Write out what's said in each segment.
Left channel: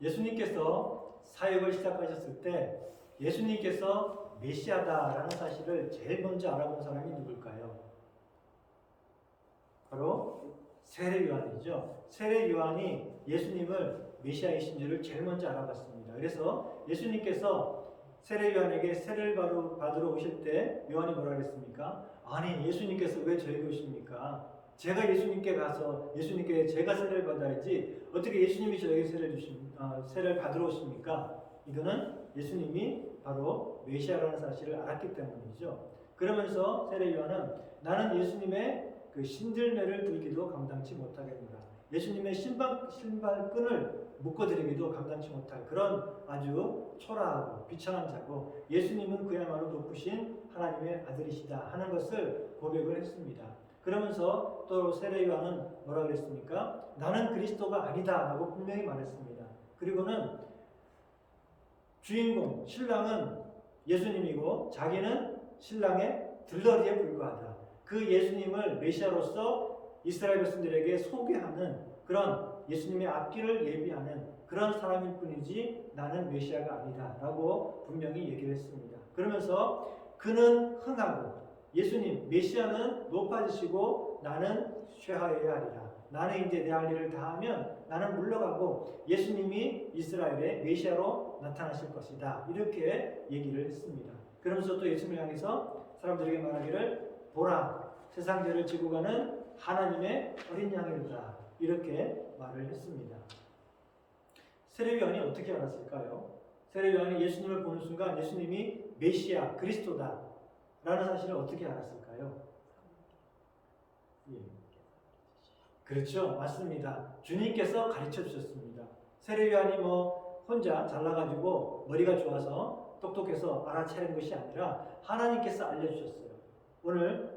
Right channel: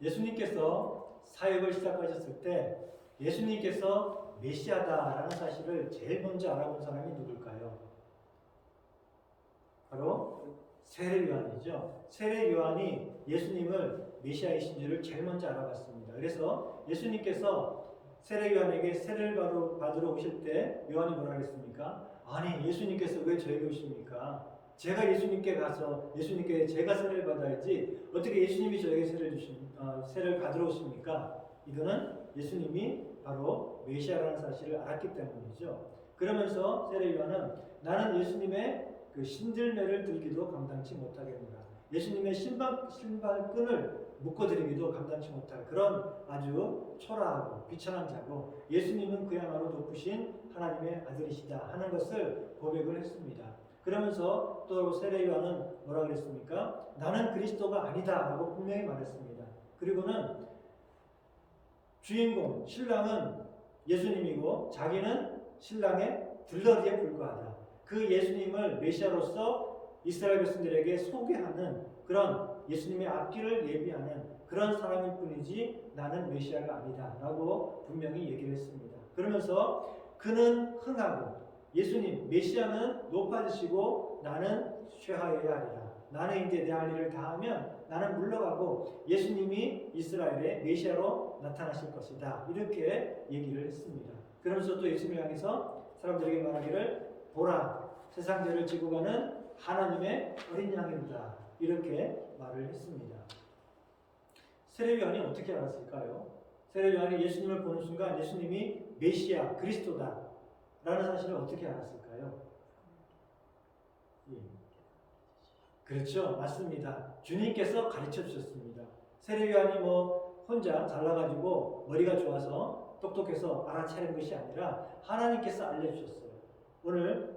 예수님께서 사역을 시작하셨을 때 예수님께서 메시아다라는 사실을 제일 먼저 알아본 사람이 누굴까요? 바로 세례 요한이죠. 세례 요한이 예수님을 메시아이신 줄을 제일 먼저 알아봤습니다. 그래서 예수님께서 세례 요한에게 세례를 받으러 오실 때 요한이 뭐라 그랬습니까? 아니, 예수님께서 왜 저에게 오십니까? 제가 예수님께 가서 예수님께 제가 세례를 받아야지 어떻게 예수님이 저에게 세례를 받으러 오십니까? 이거는 예수님이 바로 메시아라는 사실을 알았기 때문이죠. 그러면서 세례 요한은 나는 예수님의 그 신들매를 들기도 감당치 못하겠노라. 예수님의 신발끈을 묶어드리기도 감당치 못할 그런 아주 초라하고 비천한 자고 예수님은 그야말로 높으신 하나님의 아들이시다 하는 것을 고백을 했습니다. 그러면서 또 세례 요한은 뭐라 그랬습니까? 나는 그리스도가 아니다 라고 분명히 말했습니다. 그리고는 주인공, 신랑은 예수님이고 자기는 신랑의 들러리에 불과하다. 그 예수님을 메시아로서 이스라엘 백성들에게 소개하는 그런 예수님의 앞길을 예비하는 그런 사람일 뿐이지 나는 메시아가 아니다 라고 분명히 얘기를 했습니다. 그러면서 그는 흥하고 예수님, 메시아는 높아지시고 나는 쇠하여야 하리라. 나는 이제 내 할 일을 다 하면 나는 물러가고 예수님이 이스라엘의 메시아로 나타나실 것이다. 이렇게 얘기를 했습니다. 그러면서 또 예수님을 향해서 사람들에게 말하기를 보라, 세상 죄를 지고 가는 하나님의 어린 양이로다. 이렇게 말을 했습니다. 세례 요한이 어떻게 알았을까요? 세례 요한이 예수님을 보는 순간 예수님이 메시아, 그리스도다 라는 사실을 어떻게 알았을까요? 예. 그렇죠. 맞습니다. 주님께서 가르쳐 주셨습니다. 세례 요한이 혼자 잘나가지고 머리가 좋아서 똑똑해서 알아차린 것이 아니라 하나님께서 알려주셨어요. 오늘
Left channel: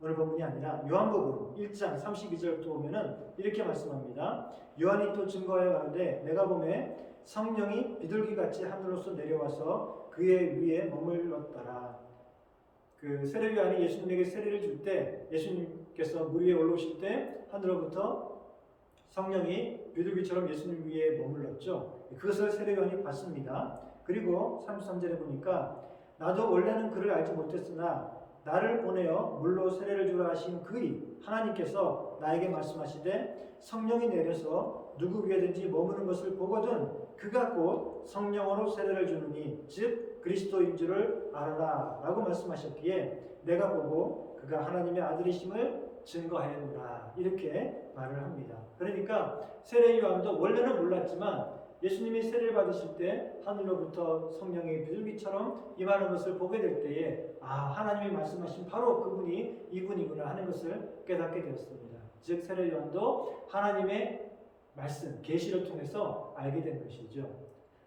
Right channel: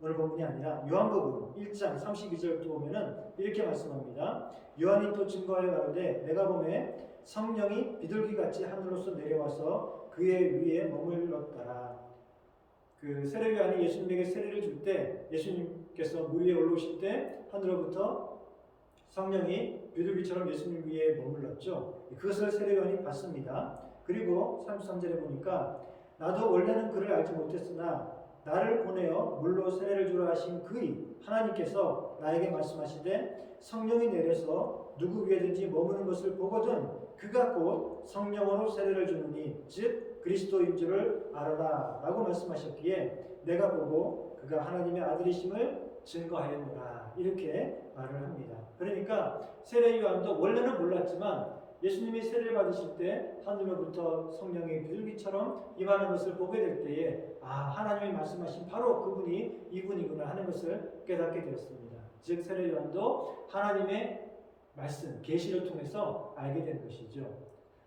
본문이 아니라 요한복음 1장 32절부터 보면은 이렇게 말씀합니다. 요한이 또 증거하여 가로되 내가 보매 성령이 비둘기같이 하늘로서 내려와서 그의 위에 머물렀더라. 그 세례 요한이 예수님에게 세례를 줄 때 예수님께서 물 위에 올라오실 때 하늘로부터 성령이 비둘기처럼 예수님 위에 머물렀죠. 그것을 세례 요한이 봤습니다. 그리고 33절에 보니까 나도 원래는 그를 알지 못했으나 나를 보내어 물로 세례를 주라 하신 그의 하나님께서 나에게 말씀하시되 성령이 내려서 누구 위에든지 머무는 것을 보거든 그가 곧 성령으로 세례를 주느니 즉 그리스도인 줄을 알아라 라고 말씀하셨기에 내가 보고 그가 하나님의 아들이심을 증거하였노라 이렇게 말을 합니다. 그러니까 세례 요한도 원래는 몰랐지만 예수님이 세례를 받으실 때 하늘로부터 성령이 비둘기처럼 임하는 것을 보게 될 때에 하나님이 말씀하신 바로 그분이 이분이구나 하는 것을 깨닫게 되었습니다. 즉 세례 요한도 하나님의 말씀, 계시를 통해서 알게 된 것이죠.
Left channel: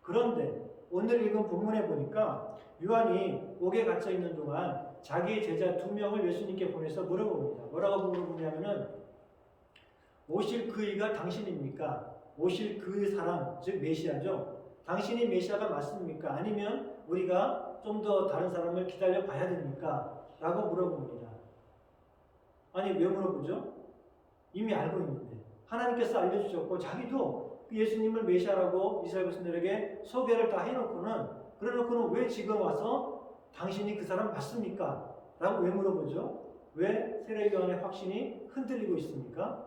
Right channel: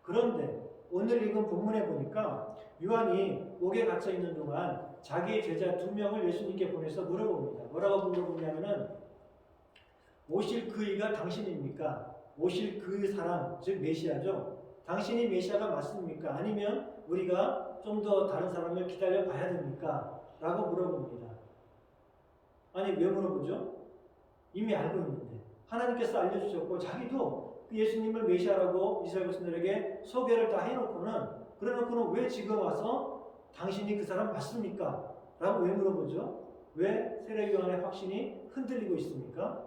그런데 오늘 읽은 본문에 보니까 요한이 옥에 갇혀 있는 동안 자기 제자 2명을 예수님께 보내서 물어봅니다. 뭐라고 물어보냐면은 오실 그이가 당신입니까? 오실 그 사람, 즉 메시아죠. 당신이 메시아가 맞습니까? 아니면 우리가 좀 더 다른 사람을 기다려 봐야 됩니까? 라고 물어봅니다. 아니 왜 물어보죠? 이미 알고 있는데 하나님께서 알려주셨고 자기도 그 예수님을 메시아라고 이스라엘 백성들에게 소개를 다 그래놓고는 왜 지금 와서 당신이 그 사람 맞습니까? 라고 왜 물어보죠? 왜 세례 요한의 확신이 흔들리고 있습니까?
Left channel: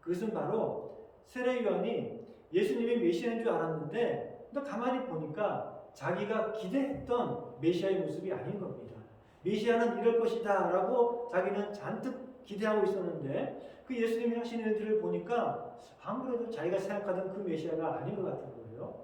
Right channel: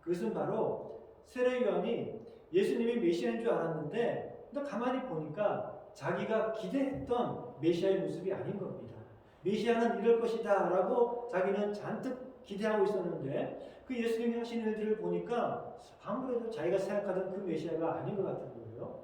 그것은 바로 세례 요한이 예수님이 메시아인 줄 알았는데 가만히 보니까 자기가 기대했던 메시아의 모습이 아닌 겁니다. 메시아는 이럴 것이다 라고 자기는 잔뜩 기대하고 있었는데 그 예수님이 하시는 일들을 보니까 아무래도 자기가 생각하던 그 메시아가 아닌 것 같은 거예요.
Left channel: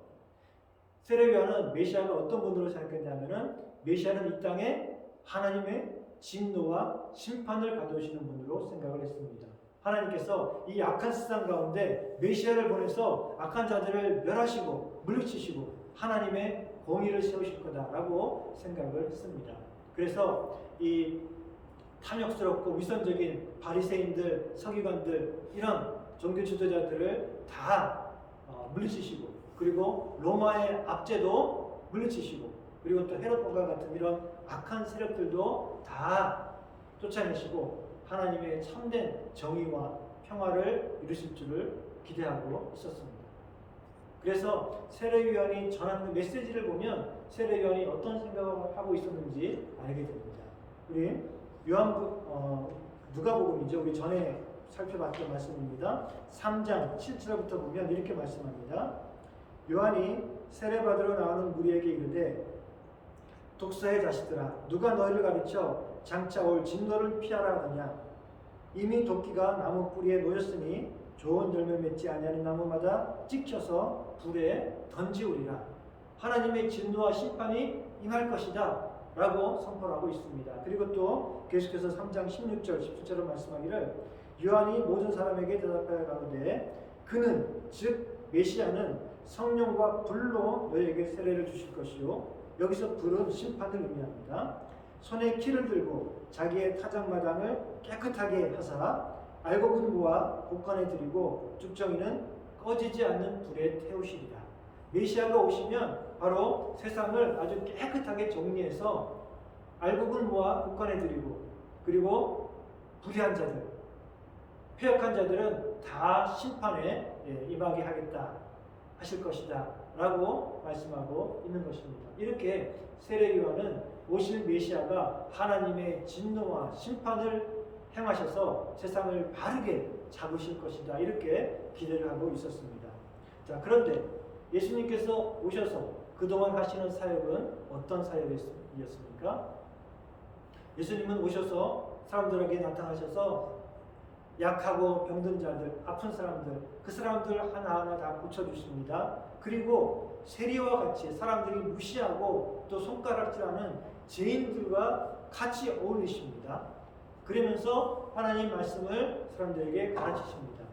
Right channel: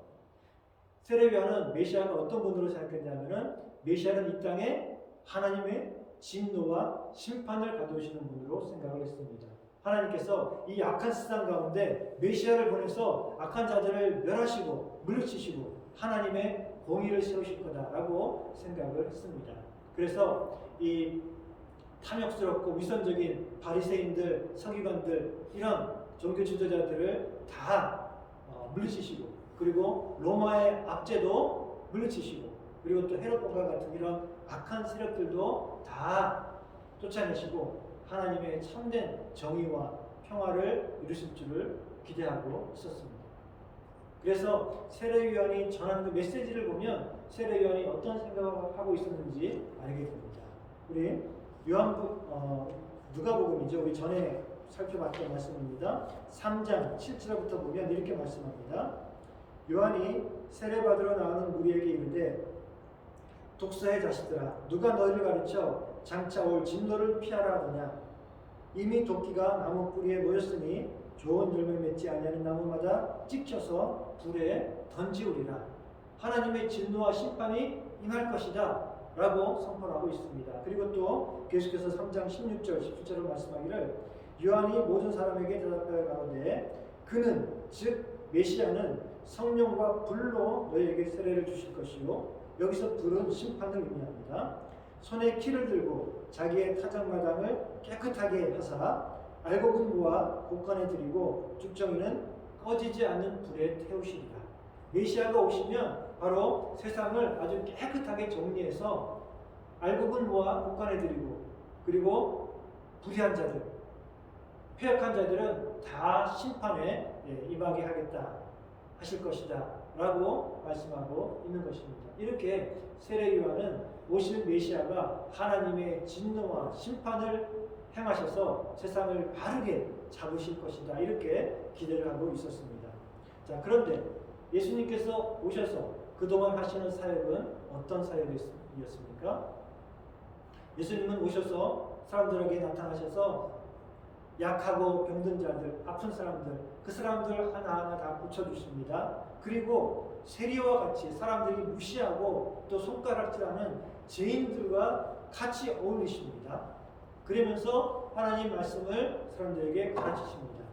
세례 요한은 메시아가 어떤 분으로 생각했냐면은 메시아는 이 땅에 하나님의 진노와 심판을 가져오시는 분으로 생각을 했습니다. 하나님께서 이 악한 세상 가운데 메시아를 보내서 악한 자들을 멸하시고 물리치시고 하나님의 공의를 세우실 거다라고 생각을 했습니다. 그래서 이 탐욕스럽고 위선적인 바리새인들, 서기관들 이런 종교 지도자들을 다 물리치시고 그리고 로마의 압제도 물리치시고 그리고 또 헤롯 왕과 같은 이런 악한 세력들도 다 쫓아내시고 하나님의 참된 정의와 평화를 이루실 줄을 기대하고 있었습니다. 그래서 세례요한이 전한 그 메시지를 보면 세례요한이 어떤 생각을 하고 있었는지 알게 됩니다. 우리 누가복음이죠. 우리 전에 살펴봤던 말씀입니다. 3장 7절부터 보면 이렇게 말씀합니다. 요한이 세례받으러 나오는 무리에게 이르되 독사의 자식들아 누가 너희를 가르쳐 장차 올 진노를 피하라 하느냐. 이미 도끼가 나무 뿌리에 놓였으니 좋은 열매 맺지 아니하는 나무마다 찍혀서 불에 던지우리라. 하나님의 진노와 심판이 임할 것이다 라고 선포하고 있습니다. 그리고 또 계속해서 3장 16절 17절로 말씀하기를 요한이 모든 사람에게 대답하여 가로되 그는 즉 메시아는 성령과 불로 너희에게 세례를 주실 것이요. 여기서 불은 심판을 의미합니다. 손에 키를 들고 자기의 타작마당을 깨끗하게 하사 알곡은 곡간에 들이고 쭉정이는 꺼지지 않는 불에 태우시리라. 메시아가 오시면 바로 세상을 아주 깨끗하게 정리해서 알곡은 곡간에 들이고 그리고 불의한 자들, 패역한 자들은 다 심판에 임하게 하겠다 하실 것이다 라고 말씀하고 있는 것입니다. 이렇게 세례요한은 오실 메시아가 하나님의 진노와 심판을 행하셔서 세상을 바르게 잡으실 것이다 이렇게 기대를 하고 있었습니다. 자, 그런데 예수님께서 오셔서 그동안 하시는 사역은 어떤 사역이었습니까? 예수님은 오셔서 사람들에게 나타나셔서 약하고 병든 자들, 아픈 사람들, 그 사람들 하나하나 다 고쳐주십니다. 그리고 세리와 같이 사람들이 무시하고 또 손가락질하는 죄인들과 같이 어울리십니다. 그러면서 하나님 말씀을 사람들에게 가르치십니다.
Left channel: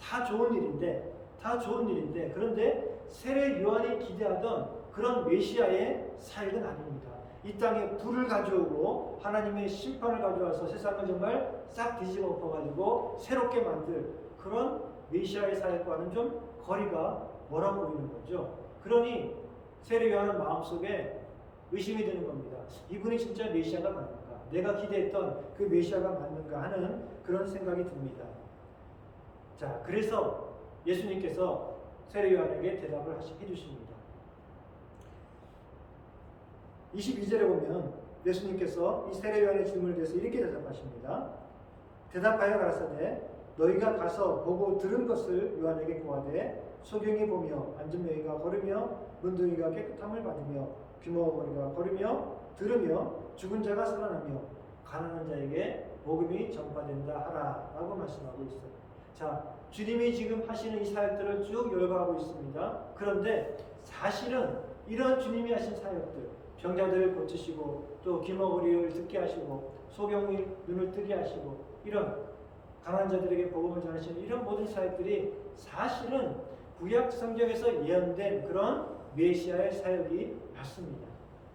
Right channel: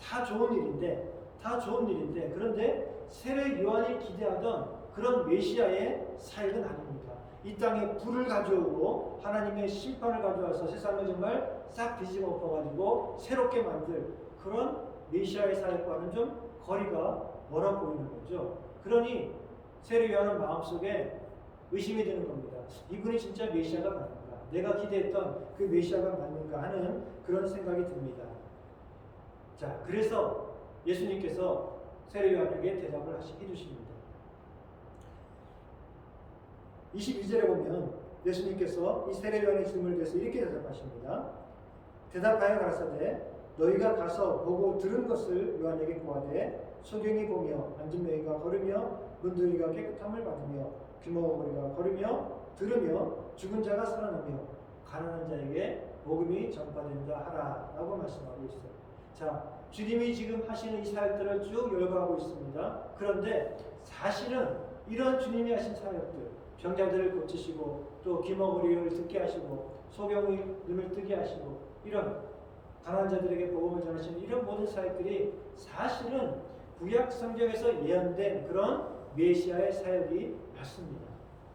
다 좋은 일인데 그런데 세례 요한이 기대하던 그런 메시아의 사역은 아닙니다. 이 땅에 불을 가져오고 하나님의 심판을 가져와서 세상을 정말 싹 뒤집어 엎어가지고 새롭게 만들 그런 메시아의 사역과는 좀 거리가 멀어 보이는 거죠. 그러니 세례 요한은 마음속에 의심이 드는 겁니다. 이분이 진짜 메시아가 맞는가? 내가 기대했던 그 메시아가 맞는가 하는 그런 생각이 듭니다. 자, 그래서 예수님께서 세례 요한에게 대답을 해주십니다. 22절에 보면 예수님께서 이 세례 요한의 질문에 대해서 이렇게 대답하십니다. 대답하여 가라사대 너희가 가서 보고 들은 것을 요한에게 구하되 소경이 보며 안전명이가 걸으며 문둥이가 깨끗함을 받으며 귀머거리가 걸으며 들으며 죽은 자가 살아나며 가난한 자에게 복음이 전파된다 하라 라고 말씀하고 있어요. 자, 주님이 지금 하시는 이 사역들을 쭉 열거하고 있습니다. 그런데 사실은 이런 주님이 하신 사역들, 병자들을 고치시고 또 귀머거리를 듣게 하시고 소경의 눈을 뜨게 하시고 이런 가난한 자들에게 복음을 전하시는 이런 모든 사역들이 사실은 구약 성경에서 예언된 그런 메시아의 사역이 맞습니다.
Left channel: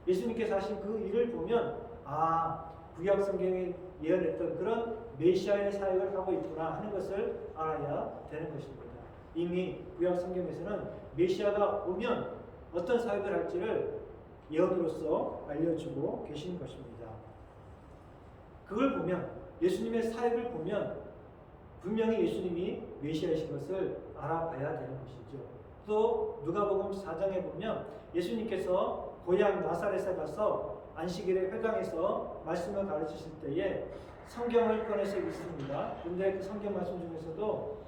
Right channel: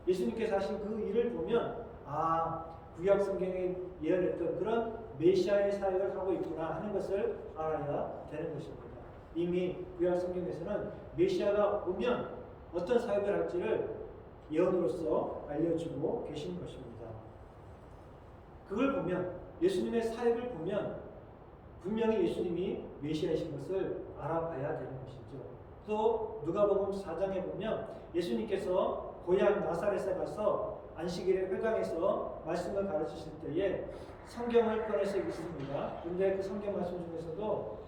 예수님께서 하신 그 일을 보면 구약 성경에 예언했던 그런 메시아의 사역을 하고 있구나 하는 것을 알아야 되는 것입니다. 이미 구약 성경에서는 메시아가 오면 어떤 사역을 할지를 예언으로서 알려주고 계신 것입니다. 그걸 보면 예수님의 사역을 보면 분명히 예수님이 메시아이신 것을 알아봐야 되는 것이죠. 또 누가복음 4장에 보면 예수님께서 고향 나사렛에 가서 안식일에 회당에서 말씀을 가르치실 때에 성경을 꺼내서 읽습니다. 근데 그 성경 말씀 중에서도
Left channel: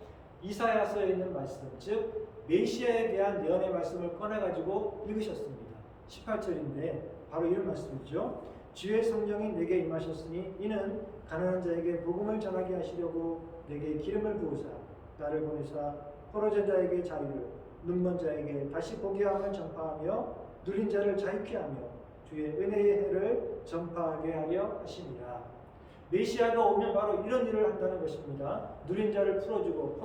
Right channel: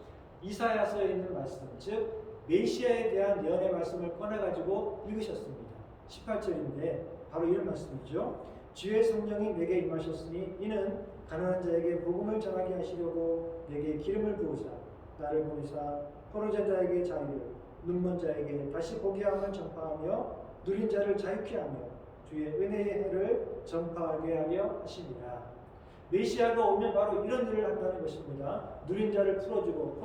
이사야서에 있는 말씀, 즉 메시아에 대한 예언의 말씀을 꺼내가지고 읽으셨습니다. 18절인데 바로 이런 말씀이죠. 주의 성령이 내게 임하셨으니 이는 가난한 자에게 복음을 전하게 하시려고 내게 기름을 부으사 나를 보내사 포로된 자에게 자유를 눈먼 자에게 다시 보게 함을 전파하며 누린 자를 자유케 하며 주의 은혜의 해를 전파하게 하려 하시니라. 메시아가 오면 바로 이런 일을 한다는 것입니다. 누린 자를 풀어주고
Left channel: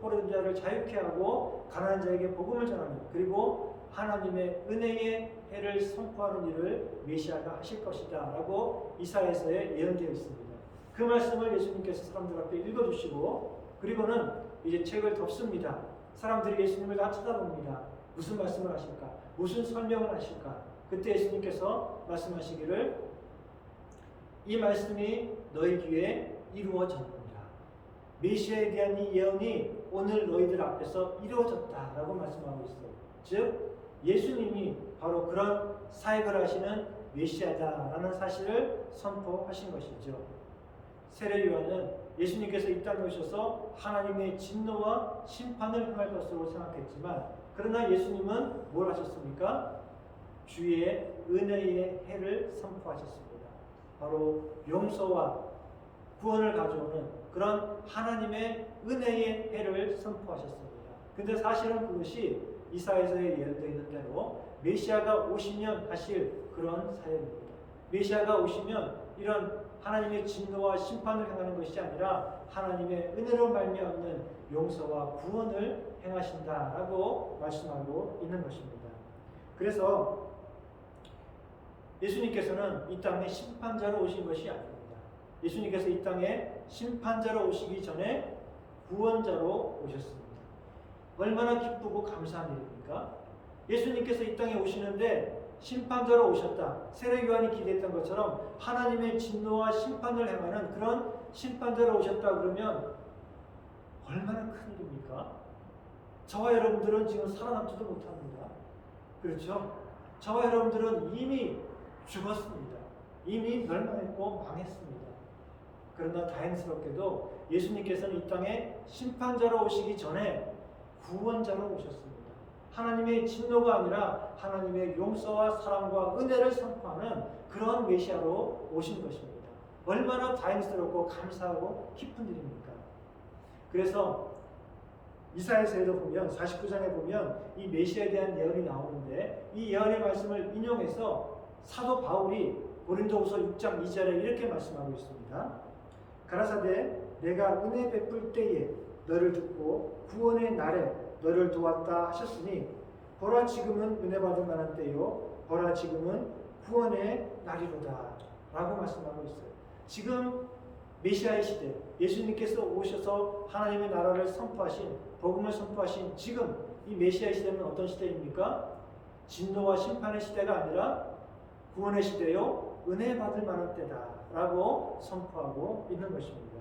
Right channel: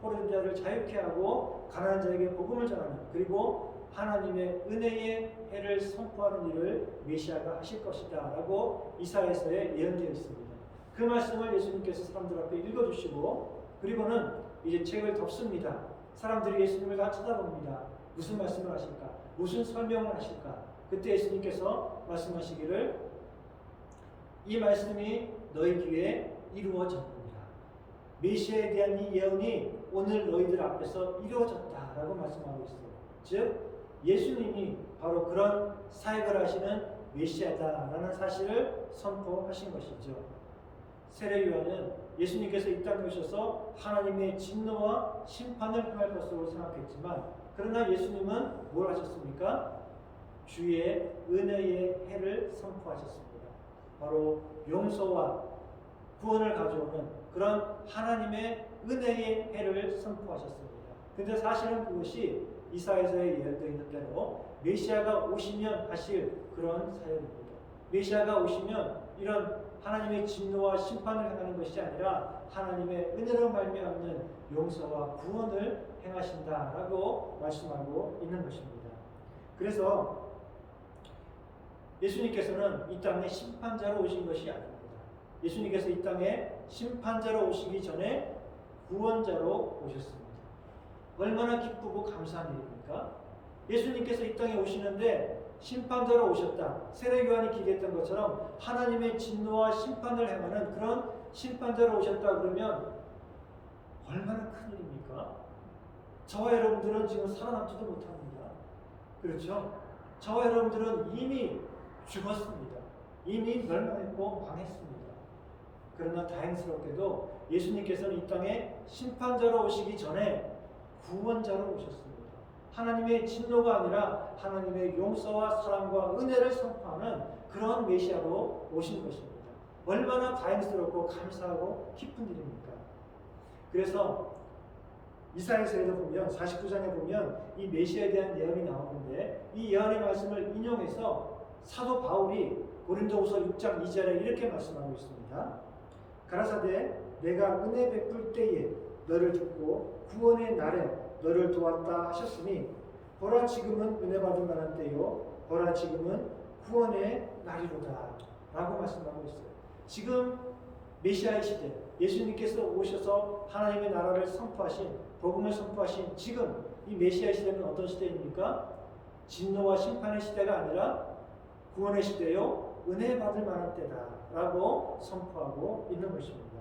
포로된 자를 자유케 하고 가난한 자에게 복음을 전하는 그리고 하나님의 은혜의 해를 선포하는 일을 메시아가 하실 것이다 라고 이사야서에 예언되어 있습니다. 그 말씀을 예수님께서 사람들 앞에 읽어주시고 그리고는 이제 책을 덮습니다. 사람들이 예수님을 다 쳐다봅니다. 무슨 말씀을 하실까? 무슨 설명을 하실까? 그때 예수님께서 말씀하시기를 이 말씀이 너희 귀에 이루어졌느니라. 메시아에 대한 이 예언이 오늘 너희들 앞에서 이루어졌다라고 말씀하고 있어요. 즉 예수님이 바로 그런 사역을 하시는 메시아다라는 사실을 선포하신 것이죠. 세례 요한은 예수님께서 이 땅에 오셔서 하나님의 진노와 심판을 행할 것으로 생각했지만, 그러나 예수님은 뭘 하셨습니까? 주의 은혜의 해를 선포하셨습니다. 바로 용서와 구원을 가져오는 그런 하나님의 은혜의 해를 선포하셨습니다. 근데 사실은 그것이 이사야서에 예언되어 있는 대로 메시아가 오시면 하실 그런 사역입니다. 메시아가 오시면 이런 하나님의 진노와 심판을 행하는 것이 아니라 하나님의 은혜로 말미암는 용서와 구원을 행하신다라고 말씀하고 있는 것입니다. 그래서 예수님께서는 이 땅에 심판자로 오신 것이 아닙니다. 예수님께서 이 땅에 심판자로 오시기 전에 구원자로 오셨습니다. 얼마나 기쁘고 감사한 일입니까? 예수님께서 이 땅에 오시는데 심판자로 오셨다. 세례 요한이 기대했던 것처럼 하나님의 진노와 심판을 행하는 그런 심판자로 오셨다 그러면 얼마나 큰 일입니까? 저와 여러분들은 지금 살아남지도 못합니다. 그렇죠? 저와 여러분들은 이미 죽었습니다. 이미 멸망했고 망했습니다. 그러나 다행스럽게도 예수님께서는 이 땅에 심판자로 오시기 전에 구원자로 오셨습니다. 하나님의 진노가 아니라 하나님의 용서와 사랑과 은혜를 선포하는 그런 메시아로 오신 것입니다. 얼마나 다행스럽고 감사하고 기쁜 일입니까? 그래서 이사야서에도 보면 49장에 보면 이 메시아에 대한 예언이 나오는데 이 예언의 말씀을 인용해서 사도 바울이 고린도후서 6장 2절에 이렇게 말씀하고 있습니다. 가라사대 내가 은혜 베풀 때에 너를 듣고 구원의 날에 너를 도왔다 하셨으니 보라 지금은 은혜 받을 만한 때요 보라 지금은 구원의 날이로다 라고 말씀하고 있어요. 지금 메시아의 시대, 예수님께서 오셔서 하나님의 나라를 선포하신, 복음을 선포하신 지금 이 메시아의 시대는 어떤 시대입니까? 진노와 심판의 시대가 아니라 구원의 시대요 은혜 받을 만한 때다 라고 선포하고 있는 것입니다.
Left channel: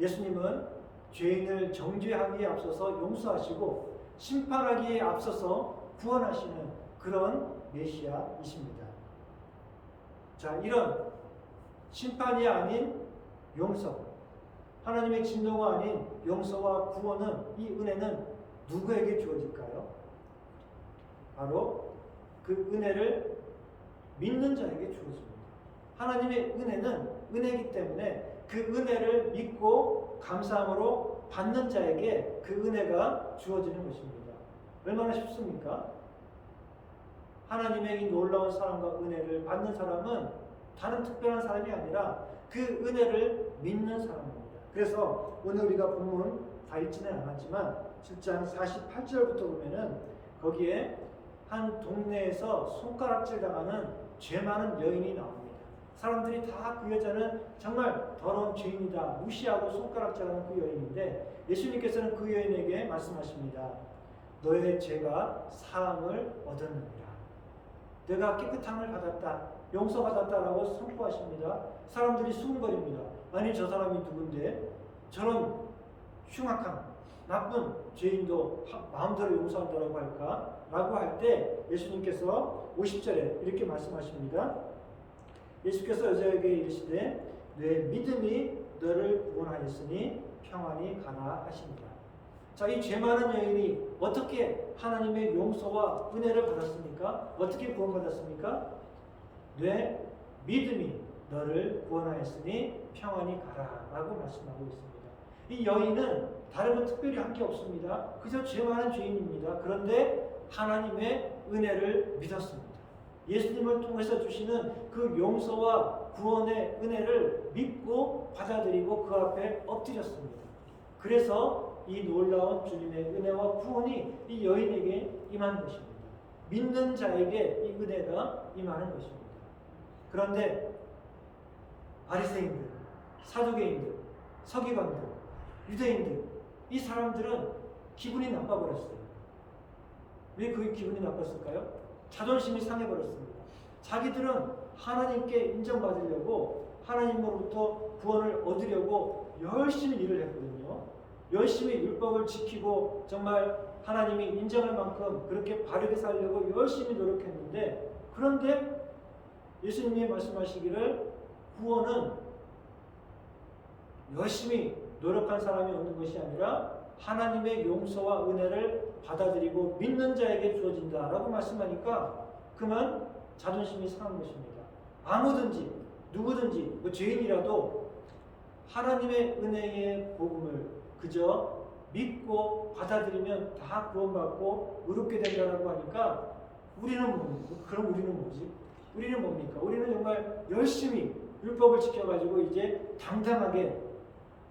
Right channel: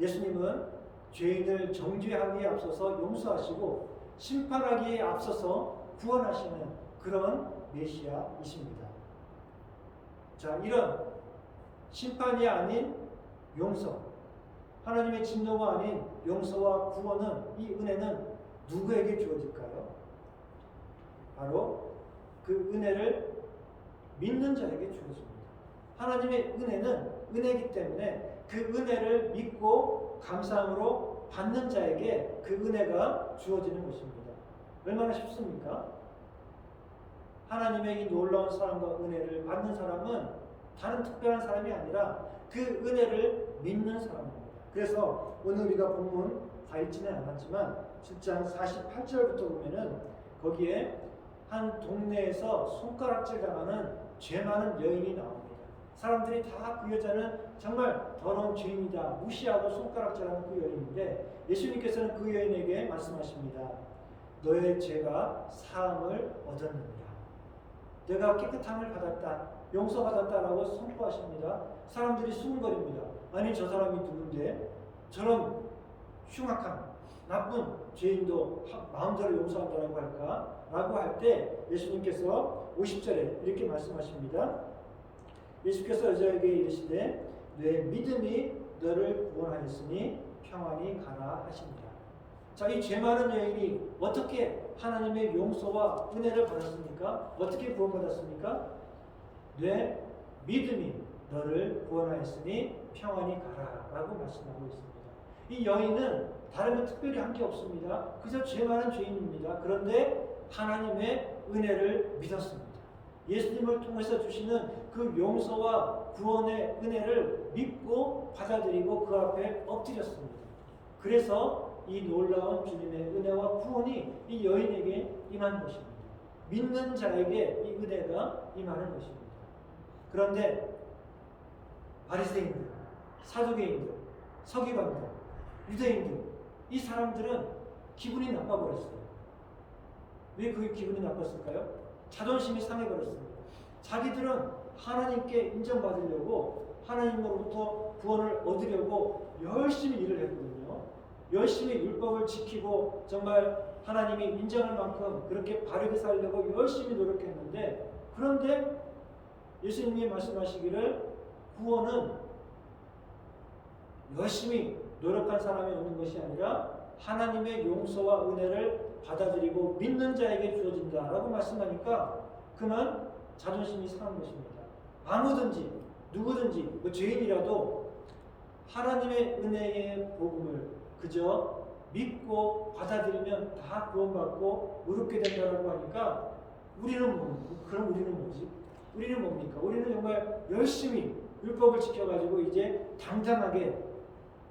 예수님은 죄인을 정죄하기에 앞서서 용서하시고 심판하기에 앞서서 구원하시는 그런 메시아이십니다. 자, 이런 심판이 아닌 용서, 하나님의 진노가 아닌 용서와 구원은, 이 은혜는 누구에게 주어질까요? 바로 그 은혜를 믿는 자에게 주어집니다. 하나님의 은혜는 은혜이기 때문에 그 은혜를 믿고 감사함으로 받는 자에게 그 은혜가 주어지는 것입니다. 얼마나 쉽습니까? 하나님의 이 놀라운 사랑과 은혜를 받는 사람은 다른 특별한 사람이 아니라 그 은혜를 믿는 사람입니다. 그래서 오늘 우리가 본문 다 읽지는 않았지만 7장 48절부터 보면은 거기에 한 동네에서 손가락질 당하는 죄 많은 여인이 나옵니다. 사람들이 다 그 여자는 정말 더러운 죄인이다 무시하고 손가락질하는 그 여인인데 예수님께서는 그 여인에게 말씀하십니다. 너의 죄가 사함을 얻었느니라. 내가 깨끗함을 받았다, 용서받았다라고 선포하십니다. 사람들이 수군거립니다. 아니 저 사람이 누군데 저런 흉악한 나쁜 죄인도 마음대로 용서한다라고 할까? 라고 할 때 예수님께서 50절에 이렇게 말씀하십니다. 예수께서 여자에게 이르시되 내 믿음이 너를 구원하였으니 평안히 가라 하십니다. 자, 이 죄 많은 여인이 어떻게 하나님의 용서와 은혜를 받았습니까? 어떻게 구원받았습니까? 내 믿음이 너를 구원하였으니 평안히 가라 라고 말씀하고 있습니다. 이 여인은 다른 특별히 한 게 없습니다. 그저 죄 많은 죄인입니다. 그런데 하나님의 은혜를 믿었습니다. 예수님을 통해서 주시는 그 용서와 구원의 은혜를 믿고 받아들이고 그 앞에 엎드렸습니다. 그래서 이 놀라운 주님의 은혜와 구원이 이 여인에게 임한 것입니다. 믿는 자에게 이 은혜가 임하는 것입니다. 그런데 바리새인들, 사두개인들, 서기관들, 유대인들, 이 사람들은 기분이 나빠버렸어요. 왜 그 기분이 나빴을까요? 자존심이 상해버렸습니다. 자기들은 하나님께 인정받으려고, 하나님으로부터 구원을 얻으려고 열심히 일을 했거든요. 열심히 율법을 지키고 정말 하나님이 인정할 만큼 그렇게 바르게 살려고 열심히 노력했는데, 그런데 예수님이 말씀하시기를 구원은 열심히 노력한 사람이 얻는 것이 아니라 하나님의 용서와 은혜를 받아들이고 믿는 자에게 주어진다라고 말씀하니까 그만 자존심이 상한 것입니다. 아무든지 누구든지 죄인이라도 하나님의 은혜의 복음을 그저 믿고 받아들이면 다 구원받고 의롭게 된다라고 하니까 그럼 우리는 뭐지? 우리는 뭡니까? 우리는 정말 열심히 율법을 지켜가지고 이제 당당하게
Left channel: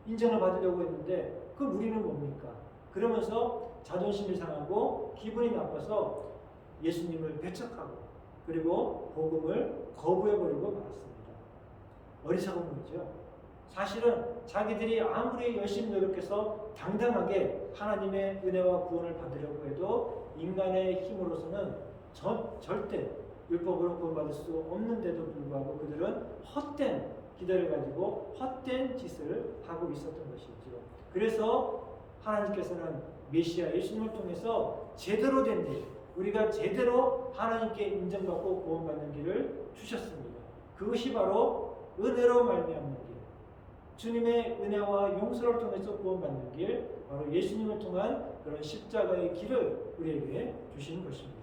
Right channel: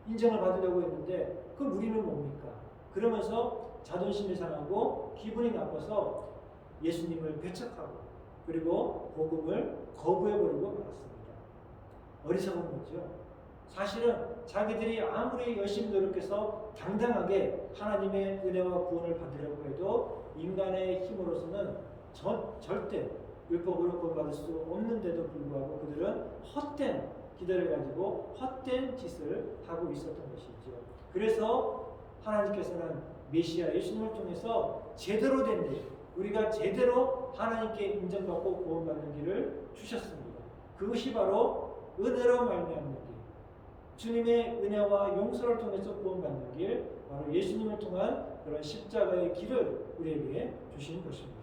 인정을 받으려고 했는데, 그럼 우리는 뭡니까? 그러면서 자존심이 상하고 기분이 나빠서 예수님을 배척하고 그리고 복음을 거부해버리고 말았습니다. 어리석은 거죠. 사실은 자기들이 아무리 열심히 노력해서 당당하게 하나님의 은혜와 구원을 받으려고 해도 인간의 힘으로서는 절대 율법으로 구원받을 수 없는데도 불구하고 그들은 헛된 기대를 가지고 헛된 짓을 하고 있었던 것이죠. 그래서 하나님께서는 메시아 예수님을 통해서 제대로 된 일, 우리가 제대로 하나님께 인정받고 구원받는 길을 주셨습니다. 그것이 바로 은혜로 말미암는 길, 주님의 은혜와 용서를 통해서 구원받는 길, 바로 예수님을 통한 그런 십자가의 길을 우리에게 주신 것입니다.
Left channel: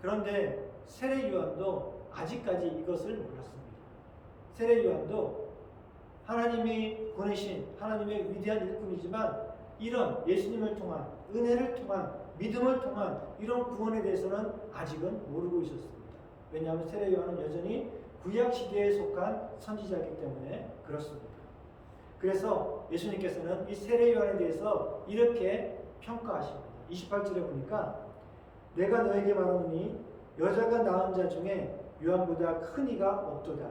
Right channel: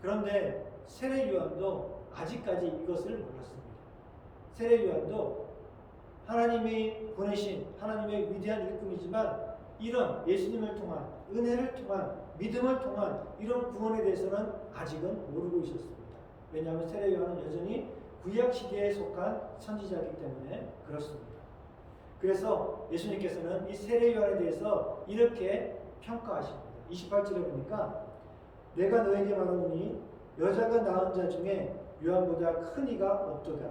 그런데 세례 요한도 아직까지 이것을 몰랐습니다. 세례 요한도 하나님이 보내신 하나님의 위대한 일꾼이지만 이런 예수님을 통한 은혜를 통한 믿음을 통한 이런 구원에 대해서는 아직은 모르고 있었습니다. 왜냐하면 세례 요한은 여전히 구약 시대에 속한 선지자이기 때문에 그렇습니다. 그래서 예수님께서는 이 세례 요한에 대해서 이렇게 평가하십니다. 28절에 보니까 내가 너에게 말하노니 여자가 낳은 자 중에 요한보다 큰 이가 없도다.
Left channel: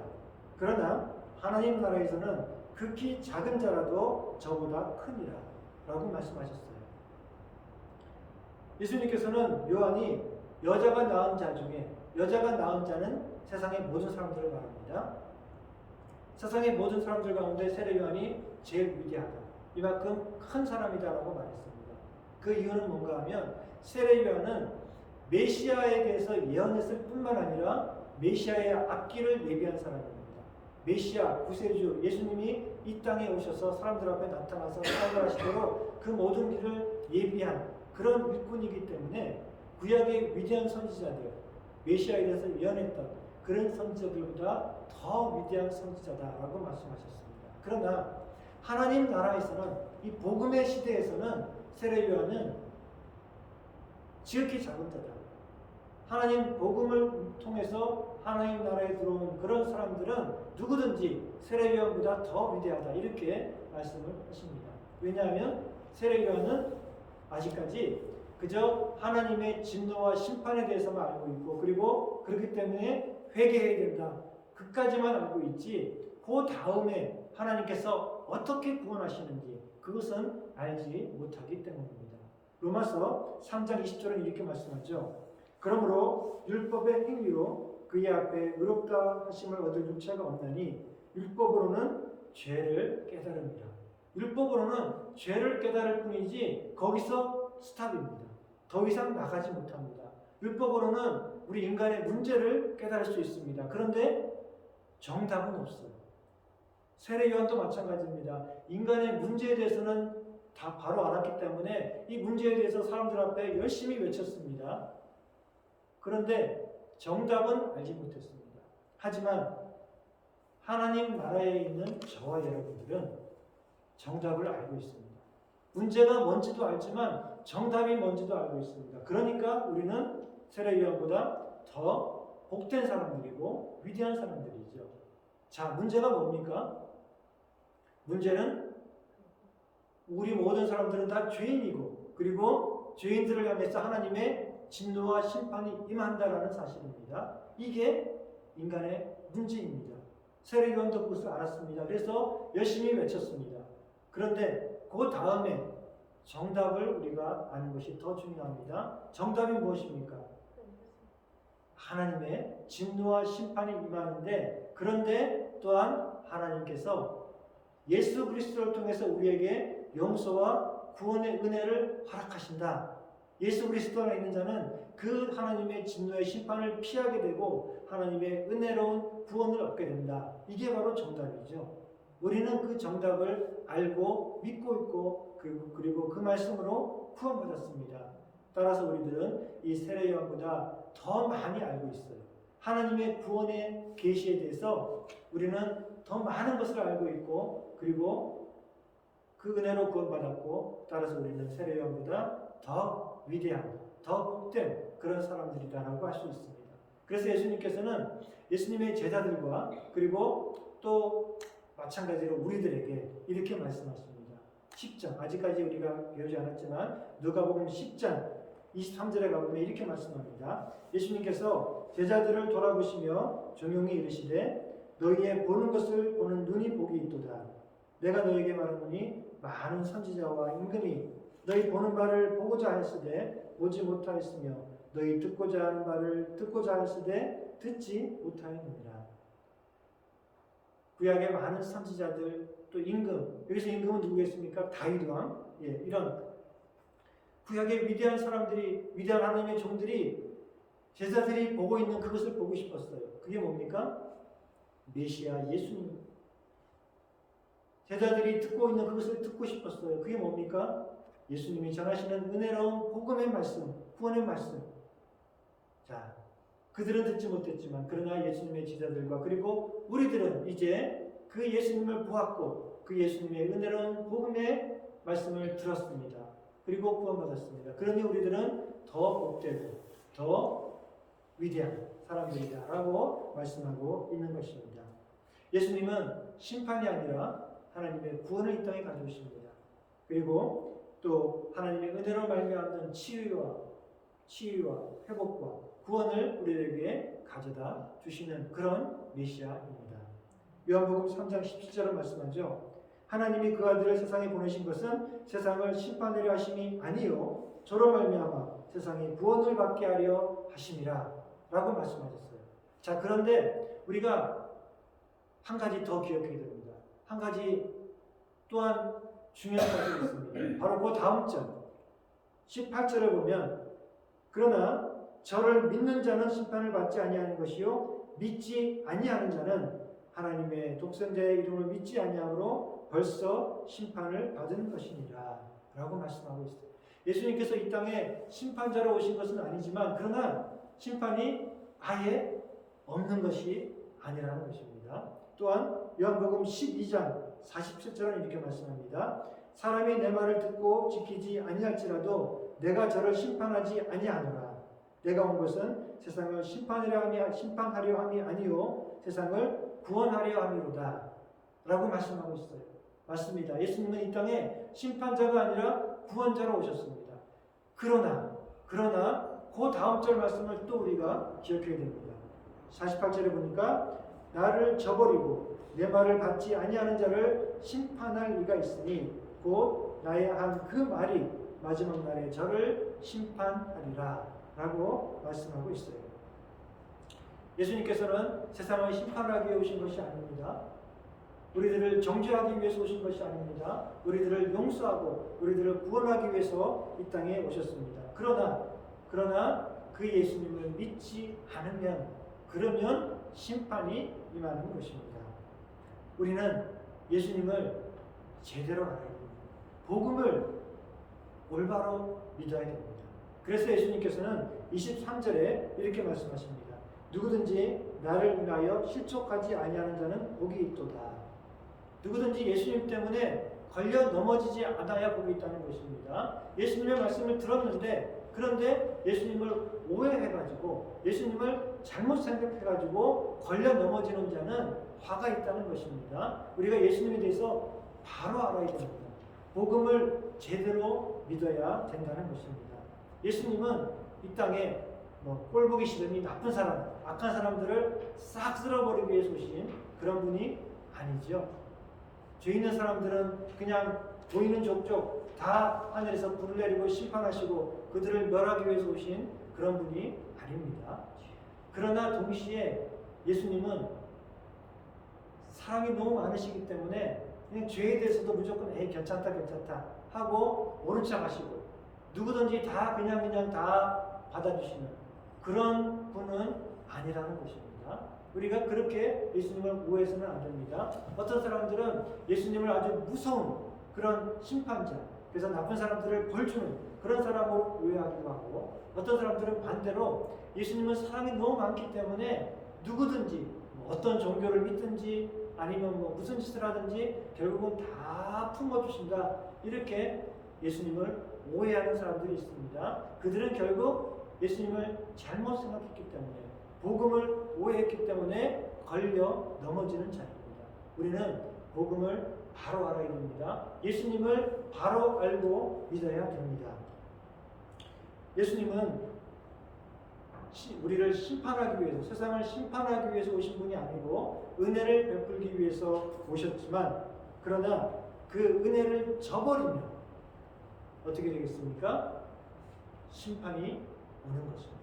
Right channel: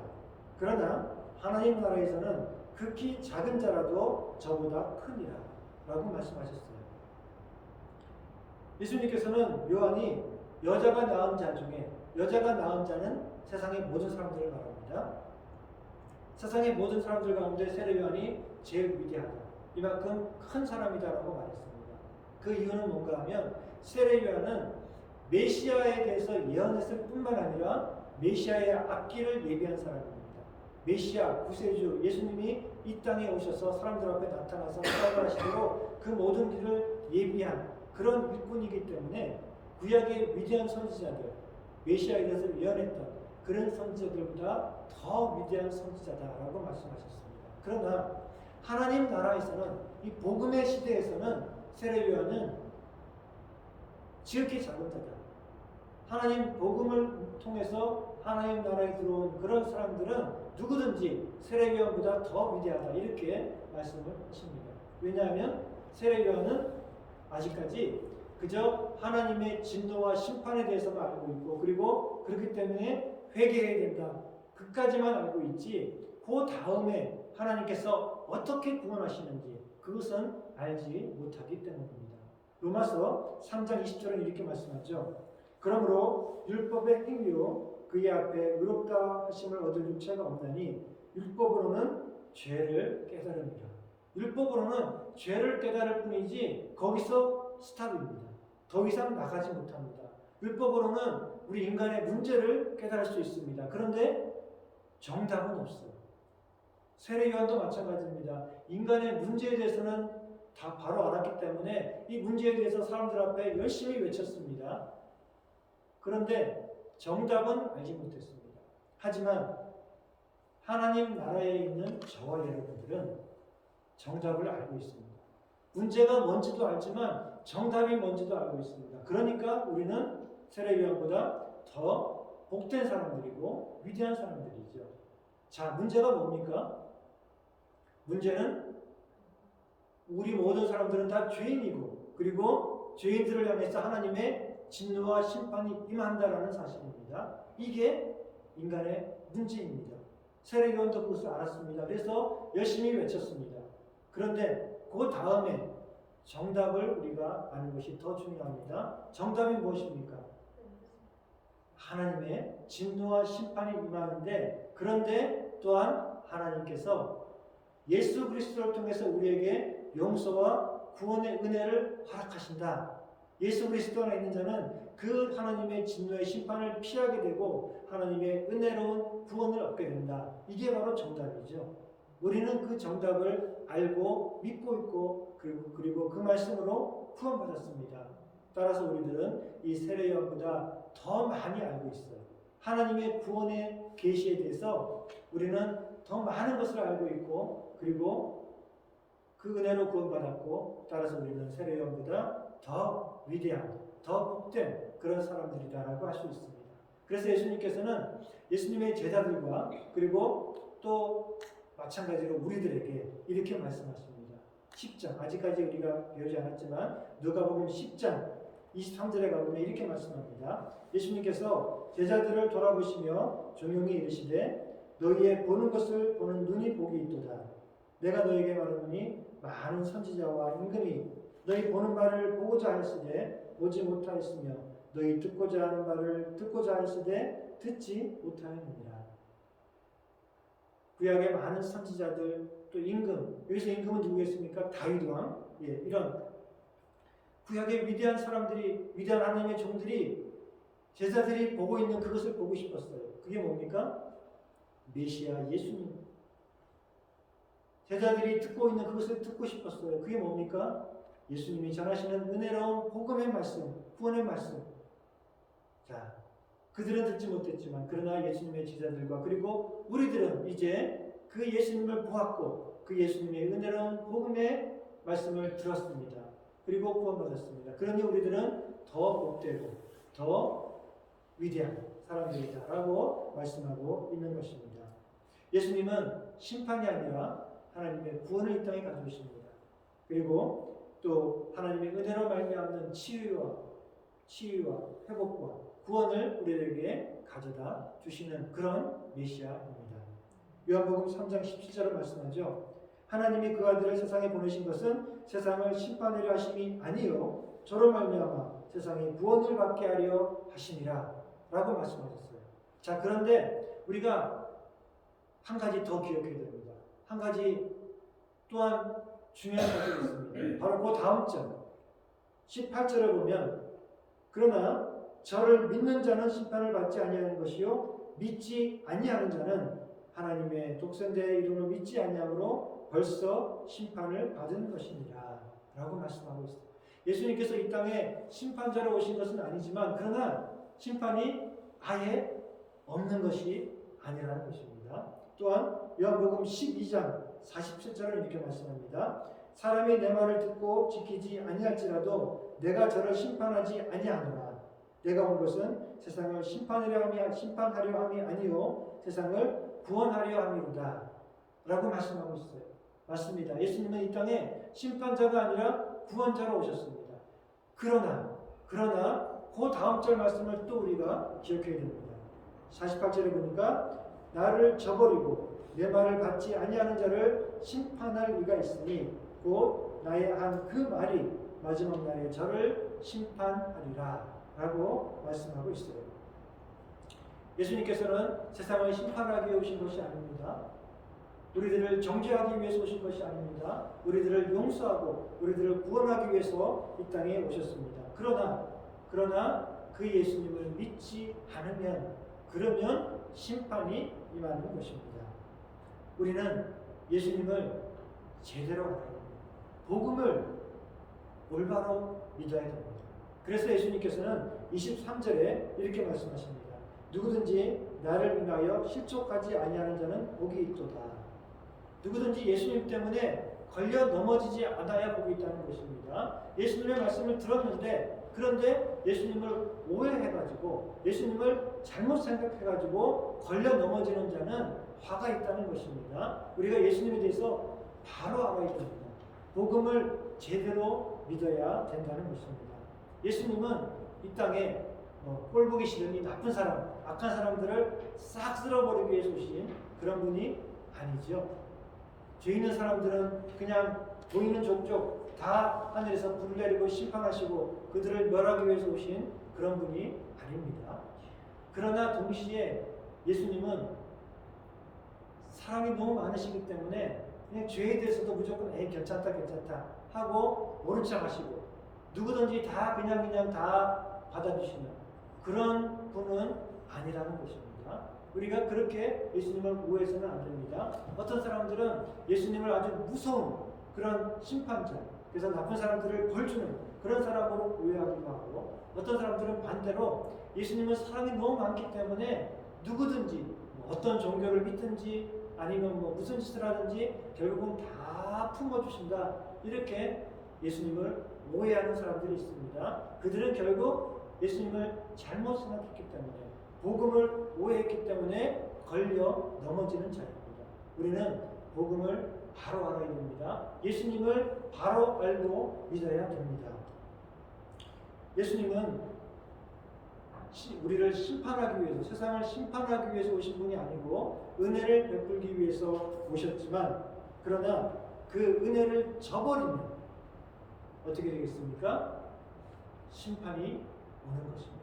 그러나 하나님 나라에서는 극히 작은 자라도 저보다 크니라 라고 말씀하셨어요. 예수님께서는 요한이 여자가 낳은 자 중에, 여자가 낳은 자는 세상의 모든 사람들을 말합니다. 세상의 모든 사람들 가운데 세례 요한이 제일 위대하다, 이만큼 큰 사람이다라고 말했습니다. 그 이유는 뭔가 하면 세례 요한은 메시아에 대해서 예언했을 뿐만 아니라 메시아의 앞길을 예비한 사람입니다. 메시아, 구세주, 예수님이 이 땅에 오셔서 사람들 앞에 나타나서 사역을 하시도록 그 모든 길을 예비한 그런 일꾼이기 때문에 구약의 위대한 선지자들, 메시아에 대해서 예언했던 그런 선지자들보다 더 위대한 선지자다라고 말씀하셨습니다. 그러나 하나님 나라에서는, 이 복음의 시대에서는 세례 요한은 지극히 작은 자다. 하나님 복음을 통해서 하나님 나라에 들어온 그런 사람들은 누구든지 세례 요한보다 더 위대하다, 이렇게 말씀을 하십니다. 왜냐하면 세례 요한은 아직까지 그저 하나님의 진노와 심판에 대해서만 알고 있고, 그리고 그렇기 때문에 회개해야 된다, 그까지만 알고 있지 그 다음에 하나님께서 어떻게 구원하시는지 그것은 알지 못하기 때문입니다. 로마서 3장 20절은 이렇게 말씀하죠. 그러므로 율법의 행위로 그의 앞에 의롭다 하심을 얻을 육체가 없나니 율법으로는 죄를 깨달음이라. 율법으로는 죄를 깨달을 뿐이지 거기서 스탑입니다. 더 이상 나가지 못합니다. 율법으로는 우리 인간의 문제를 깨달을 수 있습니다. 그런데 정답은 없어요. 세례 요한도 마찬가지입니다. 인간의 문제에 대해서는 다 바로 알았기 때문에 이 문제에 대해서 사람들 앞에 열심히 외쳤습니다. 그런데 정답은 알지 못했습니다. 하지만 하나님 나라에 있는 저와 여러분들은 정답을 알고 있습니다. 문제가 뭔지도 알지만 정답이 뭔지도 알고 있습니다. 그러니까 우리는 세례 요한보다 더 복된 사람들이고 위대한 사람들이죠. 자, 문제가 뭡니까? 문제는 우리 모든 사람들은 다 죄인이고, 그리고 죄인들을 향해서 하나님의 진노와 심판이 임한다라는 사실입니다. 이게 인간의 문제입니다. 세례 요한도 그것을 알았습니다. 그래서 열심히 외쳤습니다. 그런데 그 다음에 정답을 우리가 아는 것이 더 중요합니다. 정답이 무엇입니까? 하나님의 진노와 심판이 임하는데, 그런데 또한 하나님께서 예수 그리스도를 통해서 우리에게 용서와 구원의 은혜를 허락하신다. 예수 그리스도 안에 있는 자는 그 하나님의 진노의 심판을 피하게 되고 하나님의 은혜로운 구원을 얻게 된다. 이게 바로 정답이죠. 우리는 그 정답을 알고 믿고 있고 그리고 그 말씀으로 구원받았습니다. 따라서 우리들은 이 세례 요한보다 더 많이 알고 있어요. 하나님의 구원의 계시에 대해서 우리는 더 많은 것을 알고 있고 그리고 그 은혜로 구원받았고 따라서 우리는 세례 요한보다 더 위대한, 더 복된 그런 사람들이다라고 할 수 있습니다. 그래서 예수님께서는 예수님의 제자들과 그리고 또 마찬가지로 우리들에게 이렇게 말씀하십니다. 10장, 아직까지 우리가 배우지 않았지만 누가복음 10장 23절에 가보면 이렇게 말씀합니다. 예수님께서 제자들을 돌아보시며 조용히 이르시되 너희의 보는 것을 보는 눈이 복이 있도다. 내가 너희에게 말하노니 많은 선지자와 임금이 너희 보는 바를 보고자 하였으되 보지 못하였으며 너희 듣고자 하는 바를 듣고자 하였으되 듣지 못하였느니라. 구약의 많은 선지자들 또 임금, 여기서 임금은 누구겠습니까? 다윗 왕. 이런 구약의 위대한 사람들이, 위대한 하나님의 종들이 제자들이 보고 있는 그것을 보고 싶었어요. 그게 뭡니까? 메시아 예수님. 제자들이 듣고 있는 그것을 듣고 싶었어요. 그게 뭡니까? 예수님이 전하시는 은혜로운 복음의 말씀, 구원의 말씀. 자, 그들은 듣지 못했지만 그러나 예수님의 제자들과 그리고 우리들은 이제 그 예수님을 보았고 그 예수님의 은혜로운 복음의 말씀을 들었습니다. 그리고 구원받았습니다. 그러니 우리들은 더 복되고 더 위대한 사람들이다라고 말씀하고 있는 것입니다. 예수님은 심판이 아니라 하나님의 구원을 이 땅에 가져오십니다. 그리고 또 하나님의 은혜로 말미암는 치유와 회복과 구원을 우리에게 가져다 주시는 그런 메시아입니다. 요한복음 3장 17절은 말씀하죠. 하나님이 그 아들을 세상에 보내신 것은 세상을 심판하려 하심이 아니요 저로 말미암아 세상에 구원을 받게 하려 하심이라 라고 말씀하셨어요. 자, 그런데 우리가 한 가지 더 기억해야 됩니다. 한 가지 또한 중요한 것이 있습니다. 바로 그 다음 절 18절에 보면 그러나 저를 믿는 자는 심판을 받지 아니하는 것이요 믿지 아니하는 자는 하나님의 독생자의 이름을 믿지 아니함으로 벌써 심판을 받은 것이니라 라고 말씀하고 있습니다. 예수님께서 이 땅에 심판자로 오신 것은 아니지만 그러나 심판이 아예 없는 것이 아니라는 것입니다. 또한 요한복음 12장 47절은 이렇게 말씀합니다. 사람이 내 말을 듣고 지키지 아니할지라도 내가 저를 심판하지 아니하노라. 내가 온 것은 세상을 심판하려 함이 아니요 세상을 구원하려 함이로다 라고 말씀하고 있어요. 맞습니다. 예수님은 이 땅에 심판자가 아니라 구원자로 오셨습니다. 그러나 그 다음 절 말씀을 또 우리가 기억해야 됩니다. 48절에 보니까 나를 저버리고 내 말을 받지 아니하는 자를 심판할 이가 있으니 곧 나의 한 그 말이 마지막 날에 저를 심판하리라 라고 말씀하고 있어요. 예수님께서는 세상을 심판하기 위해 오신 것이 아닙니다. 우리들을 정죄하기 위해서 오신 것이 아닙니다. 우리들을 용서하고 우리들을 구원하기 위해서 이 땅에 오셨습니다. 그러나 그 예수님을 믿지 않으면 그러면 심판이 임하는 것입니다. 우리는 예수님을 제대로 알아야 됩니다. 복음을 올바로 믿어야 됩니다. 그래서 예수님께서는 23절에 이렇게 말씀하십니다. 누구든지 나를 인하여 실족하지 아니하는 자는 복이 있도다. 누구든지 예수님 때문에 걸려 넘어지지 않아야 복이 있다는 것입니다. 예수님의 말씀을 들었는데 그런데 예수님을 오해해가지고 예수님을 잘못 생각해가지고 걸려 넘어지는 자는 화가 있다는 것입니다. 우리가 예수님에 대해서 바로 알아야 됩니다. 복음을 제대로 믿어야 된다는 것입니다. 예수님은 이 땅에 꼴 보기 싫으니 나쁜 사람, 악한 사람들을 싹 쓸어버리기 위해서 오신 그런 분이 아니죠. 죄 있는 사람들은 그냥 보이는 족족 다 하늘에서 불을 내리고 심판하시고 그들을 멸하기 위해서 오신 그런 분이 아닙니다. 그러나 동시에 예수님은 사랑이 너무 많으시기 때문에 그냥 죄에 대해서도 무조건 에이 괜찮다 하고 모른 척 하시고 누구든지 다 그냥 다 받아주시는 그런 분은 아니라는 것입니다. 우리가 그렇게 예수님을 오해해서는 안 됩니다. 어떤 사람들은 예수님을 아주 무서운 그런 심판자, 그래서 나쁜 사람들을 벌주는 그런 사람으로 오해하기도 하고, 어떤 사람들은 반대로 예수님은 사랑이 너무 많기 때문에 누구든지 어떤 종교를 믿든지 아니면 무슨 짓을 하든지 결국은 다 품어주신다, 이렇게 예수님을 오해하는 사람들이 있습니다. 그들은 결국 예수님을 잘못 생각했기 때문에, 복음을 오해했기 때문에 걸려 넘어지는 자입니다. 우리는 복음을 바로 알아야 됩니다. 예수님을 바로 알고 믿어야 됩니다. 예수님은 우리를 심판하기 위해서, 세상을 심판하기 위해서 오신 분이 아니고 은혜를 베풀기 위해서 오셨지만, 그러나 그 은혜를 저버리면 어떻게 되겠습니까? 심판이 오는 것입니다.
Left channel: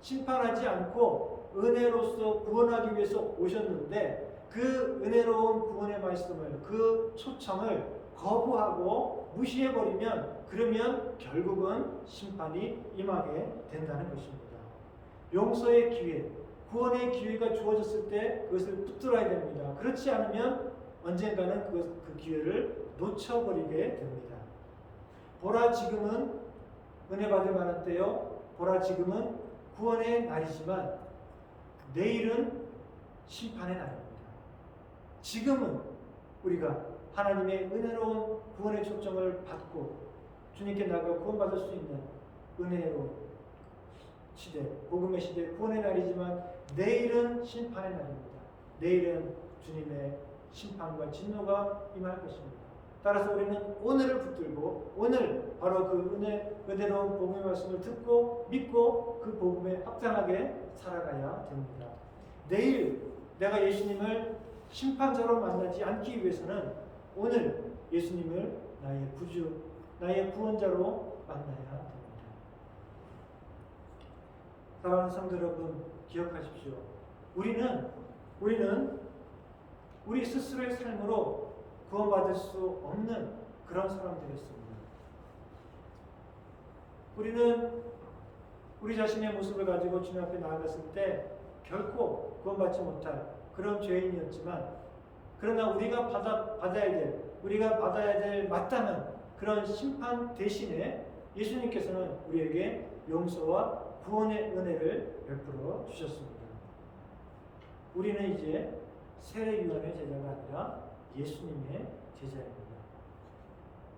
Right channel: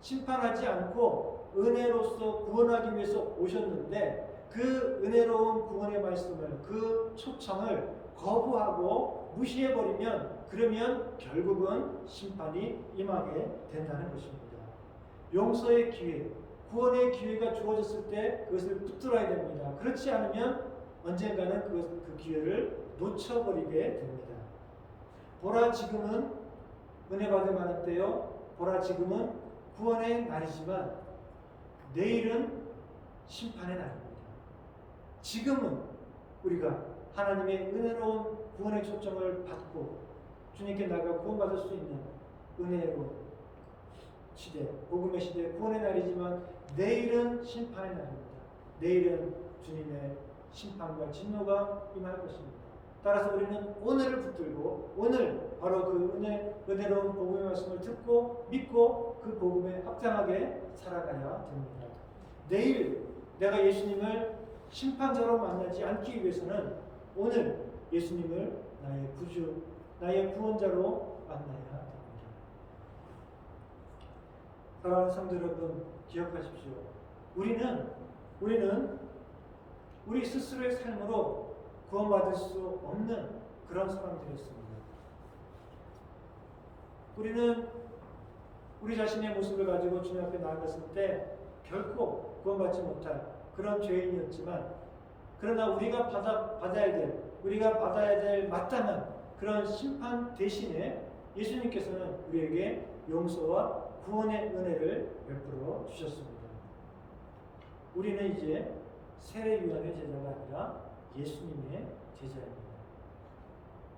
심판하지 않고 은혜로서 구원하기 위해서 오셨는데 그 은혜로운 구원의 말씀을, 그 초청을 거부하고 무시해버리면, 그러면 결국은 심판이 임하게 된다는 것입니다. 용서의 기회, 구원의 기회가 주어졌을 때 그것을 붙들어야 됩니다. 그렇지 않으면 언젠가는 그 기회를 놓쳐버리게 됩니다. 보라 지금은 은혜 받을 만한 때요, 보라 지금은 구원의 날이지만 내일은 심판의 날입니다. 지금은 우리가 하나님의 은혜로운 구원의 초점을 받고 주님께 나가 구원받을 수 있는 은혜로운 시대, 복음의 시대, 구원의 날이지만 내일은 심판의 날입니다. 내일은 주님의 심판과 진노가 임할 것입니다. 따라서 우리는 오늘을 붙들고 오늘 바로 그 은혜로운 복음의 말씀을 듣고 믿고 그 복음에 합당하게 살아가야 됩니다. 내일 내가 예수님을 심판자로 만나지 않기 위해서는 오늘 예수님을 나의 구주, 나의 구원자로 만나야 됩니다. 사랑하는 성도 여러분, 기억하십시오. 우리는 우리 스스로의 삶으로 구원받을 수 없는 그런 사람들이었습니다. 우리는 우리 자신의 모습을 가지고 주님 앞에 나아갔을 때 결코 구원받지 못할 그런 죄인이었지만, 그러나 우리가 받아야 될 마땅한 그런 심판 대신에 예수님께서는 우리에게 용서와 구원의 은혜를 베풀어 주셨습니다. 우리는 이제 새 유한의 제자가 아니라 예수님의 제자입니다.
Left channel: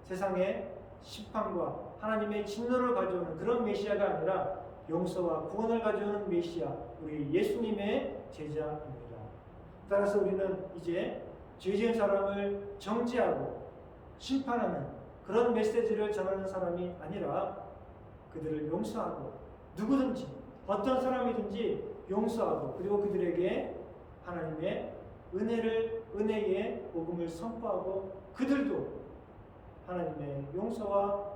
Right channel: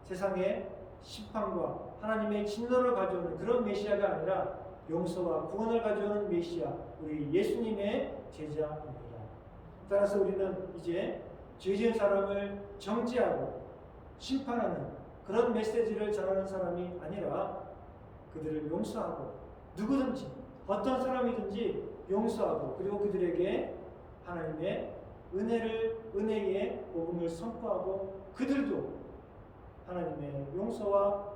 세상에 심판과 하나님의 진노를 가져오는 그런 메시아가 아니라 용서와 구원을 가져오는 메시아, 우리 예수님의 제자입니다. 따라서 우리는 이제 죄 지은 사람을 정죄하고 심판하는 그런 메시지를 전하는 사람이 아니라 그들을 용서하고 누구든지 어떤 사람이든지 용서하고, 그리고 그들에게 하나님의 은혜의 복음을 선포하고 그들도 하나님의 용서와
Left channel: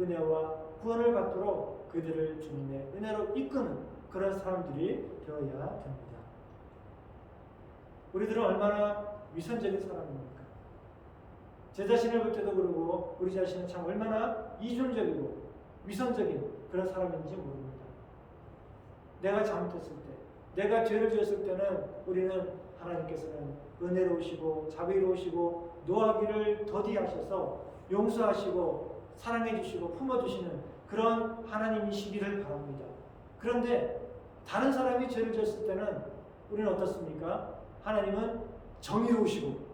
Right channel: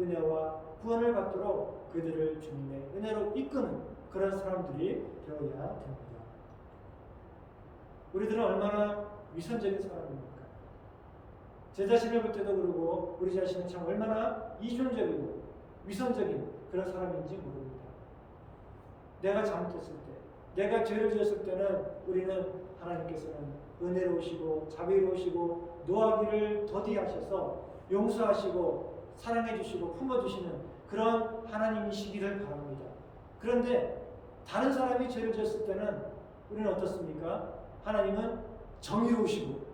은혜와 구원을 받도록 그들을 주님의 은혜로 이끄는 그런 사람들이 되어야 됩니다. 우리들은 얼마나 위선적인 사람입니까? 제 자신을 볼 때도 그러고 우리 자신은 참 얼마나 이중적이고 위선적인 그런 사람인지 모릅니다. 내가 잘못했을 때, 내가 죄를 지었을 때는 우리는 하나님께서는 은혜로우시고 자비로우시고 노하기를 더디하셔서 용서하시고 사랑해주시고 품어주시는 그런 하나님이시기를 바랍니다. 그런데 다른 사람이 죄를 지었을 때는 우리는 어떻습니까? 하나님은 정의로우시고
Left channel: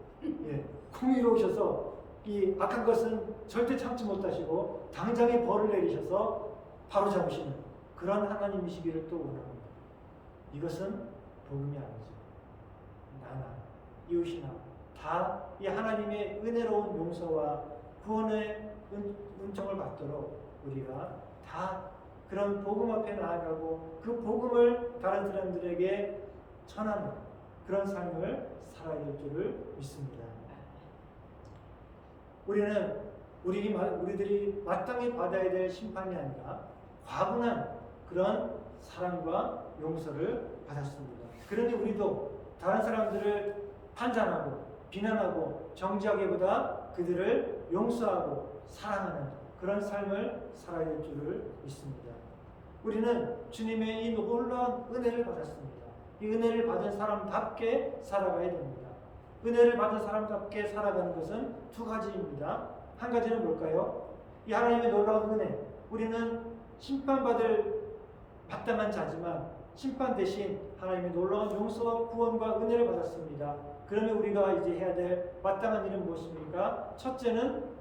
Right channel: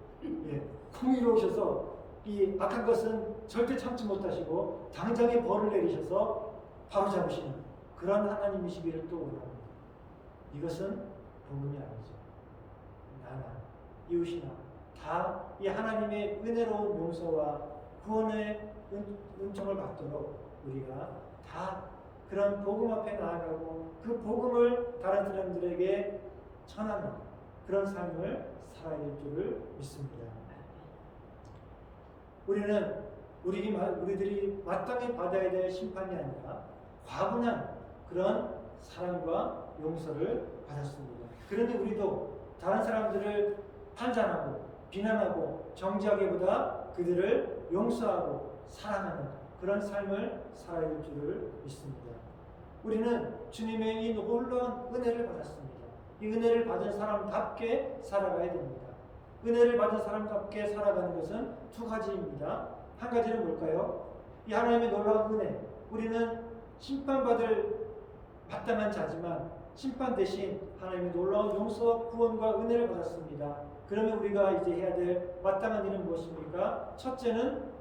공의로우셔서 이 악한 것은 절대 참지 못하시고 당장에 벌을 내리셔서 바로 잡으시는 그런 하나님이시기를 또 원합니다. 이것은 복음이 아니죠. 나나 이웃이나 다 이 하나님의 은혜로운 용서와 구원의 은총을 받도록 우리가 다 그런 복음 앞에 나아가고 그 복음을 다른 사람들에게 전하는 그런 삶을 살아야 될 줄을 믿습니다. 우리들이 마땅히 받아야 될 심판이 아니라 과분한 그런 사랑과 용서를 받았습니다. 그런데 우리도 다른 사람들을 판단하고 비난하고 정죄하기보다 그들을 용서하고 사랑하는 그런 삶을 살아야 될 줄을 믿습니다. 우리는 주님의 이 놀라운 은혜를 받았습니다. 이 은혜를 받은 사람답게 살아가야 됩니다. 은혜를 받은 사람답게 살아가는 것은 두 가지입니다. 한 가지는 뭘까요? 이 하나님의 놀라운 은혜, 우리는 심판받을 마땅한 자지만 심판 대신 하나님의 놀라운 용서와 구원과 은혜를 받았습니다. 그러면 우리가 이제 해야 될 마땅한 일은 무엇입니까? 첫째는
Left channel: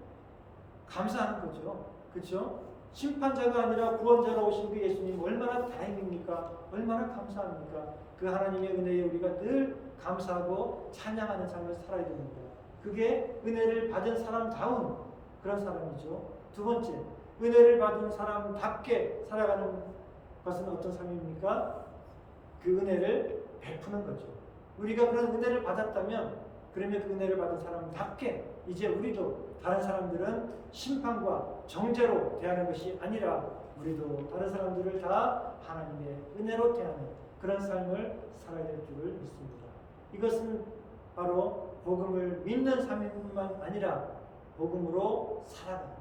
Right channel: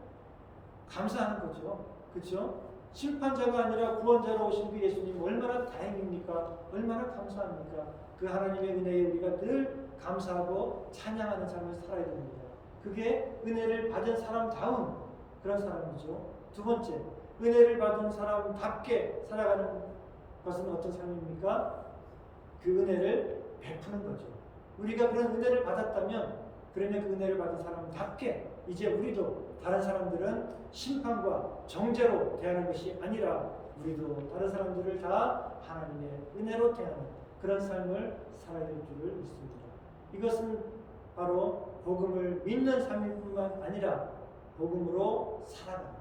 감사하는 거죠. 그렇죠? 심판자가 아니라 구원자로 오신 그 예수님 얼마나 다행입니까? 얼마나 감사합니까? 그 하나님의 은혜에 우리가 늘 감사하고 찬양하는 삶을 살아야 됩니다. 그게 은혜를 받은 사람다운 그런 사람이죠. 두 번째, 은혜를 받은 사람답게 살아가는 것은 어떤 삶입니까? 그 은혜를 베푸는 거죠. 우리가 그런 은혜를 받았다면 그러면 그 은혜를 받은 사람답게 이제 우리도 다른 사람들은 심판과 정죄로 대하는 것이 아니라 우리도 다른 사람들을 다 하나님의 은혜로 대하는 그런 삶을 살아야 될 줄을 믿습니다. 이것은 바로 복음을 믿는 삶일 뿐만 아니라 복음으로 살아가는,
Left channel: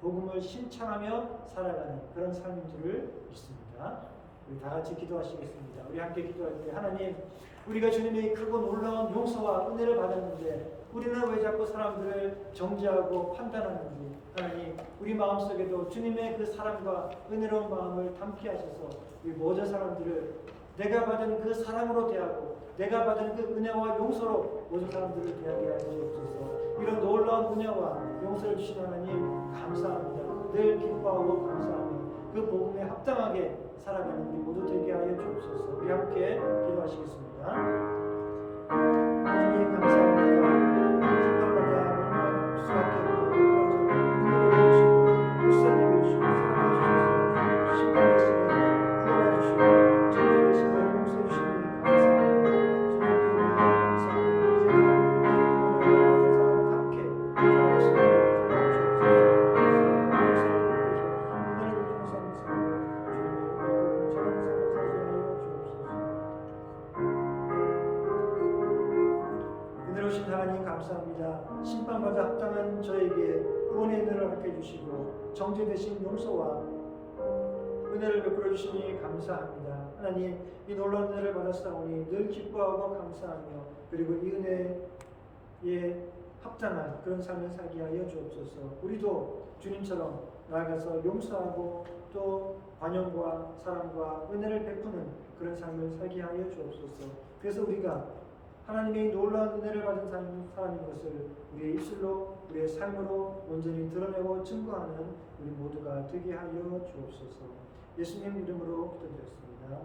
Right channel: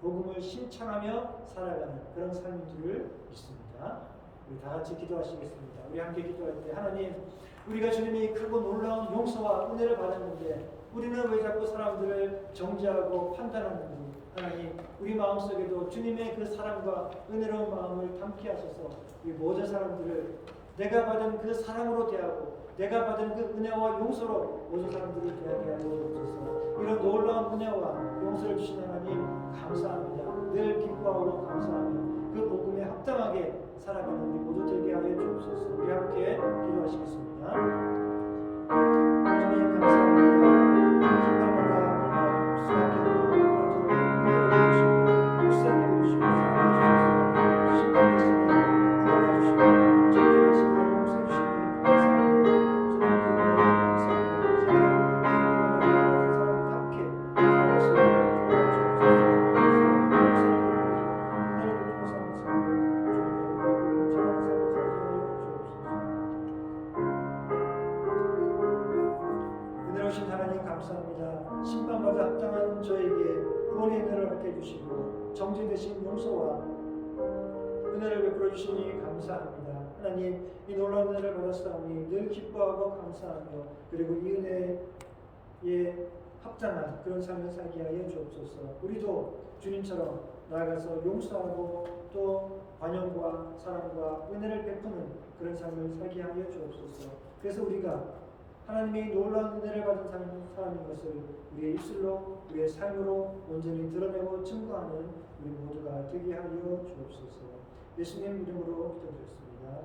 복음을 실천하며 살아가는 그런 삶인 줄을 믿습니다. 우리 다 같이 기도하시겠습니다. 우리 함께 기도할 때 하나님, 우리가 주님의 크고 놀라운 용서와 은혜를 받았는데 우리는 왜 자꾸 사람들을 정죄하고 판단하는지, 하나님 우리 마음속에도 주님의 그 사랑과 은혜로운 마음을 담게 하셔서 우리 모든 사람들을 내가 받은 그 사랑으로 대하고 내가 받은 그 은혜와 용서로 모든 사람들을 대하게 하여 주옵소서. 이런 놀라운 은혜와 용서를 주신 하나님 감사합니다. 늘 기뻐하고 감사하며 그 복음에 합당하게 살아가는 우리 모두 되게 하여 주옵소서. 우리 함께 기도하시겠습니다. 하나님 감사합니다. 심판마다 수밖에 없는 그런 은혜를 주시고 불쌍히 주시고 사랑해 주셔서 심판 대신에 구원해 주시고 정죄 대신에 용서해 주시니 감사합니다. 하나님 감사합니다. 심판받아 합당한 저에게 구원의 은혜를 허락해 주시고 정죄 대신 용서와 은혜를 베풀어 주시니 감사합니다. 하나님 이 놀라운 은혜를 받았사오니 늘 기뻐하고 감사하며 그리고 이 은혜에 합당한 그런 삶을 살게 하여 주옵소서. 우리도 주님처럼 나아가서 용서하고 또 관용과 사랑과 은혜를 베푸는 그런 삶을 살게 하여 주옵소서. 그래서 우리가 하나님의 놀라운 은혜를 받은 사람인 것을 우리의 입술로 우리의 삶으로 온전히 드러내고 증거하는 우리 모두가 되게 하여 주옵소서. 예수님 이름으로 기도드렸습니다.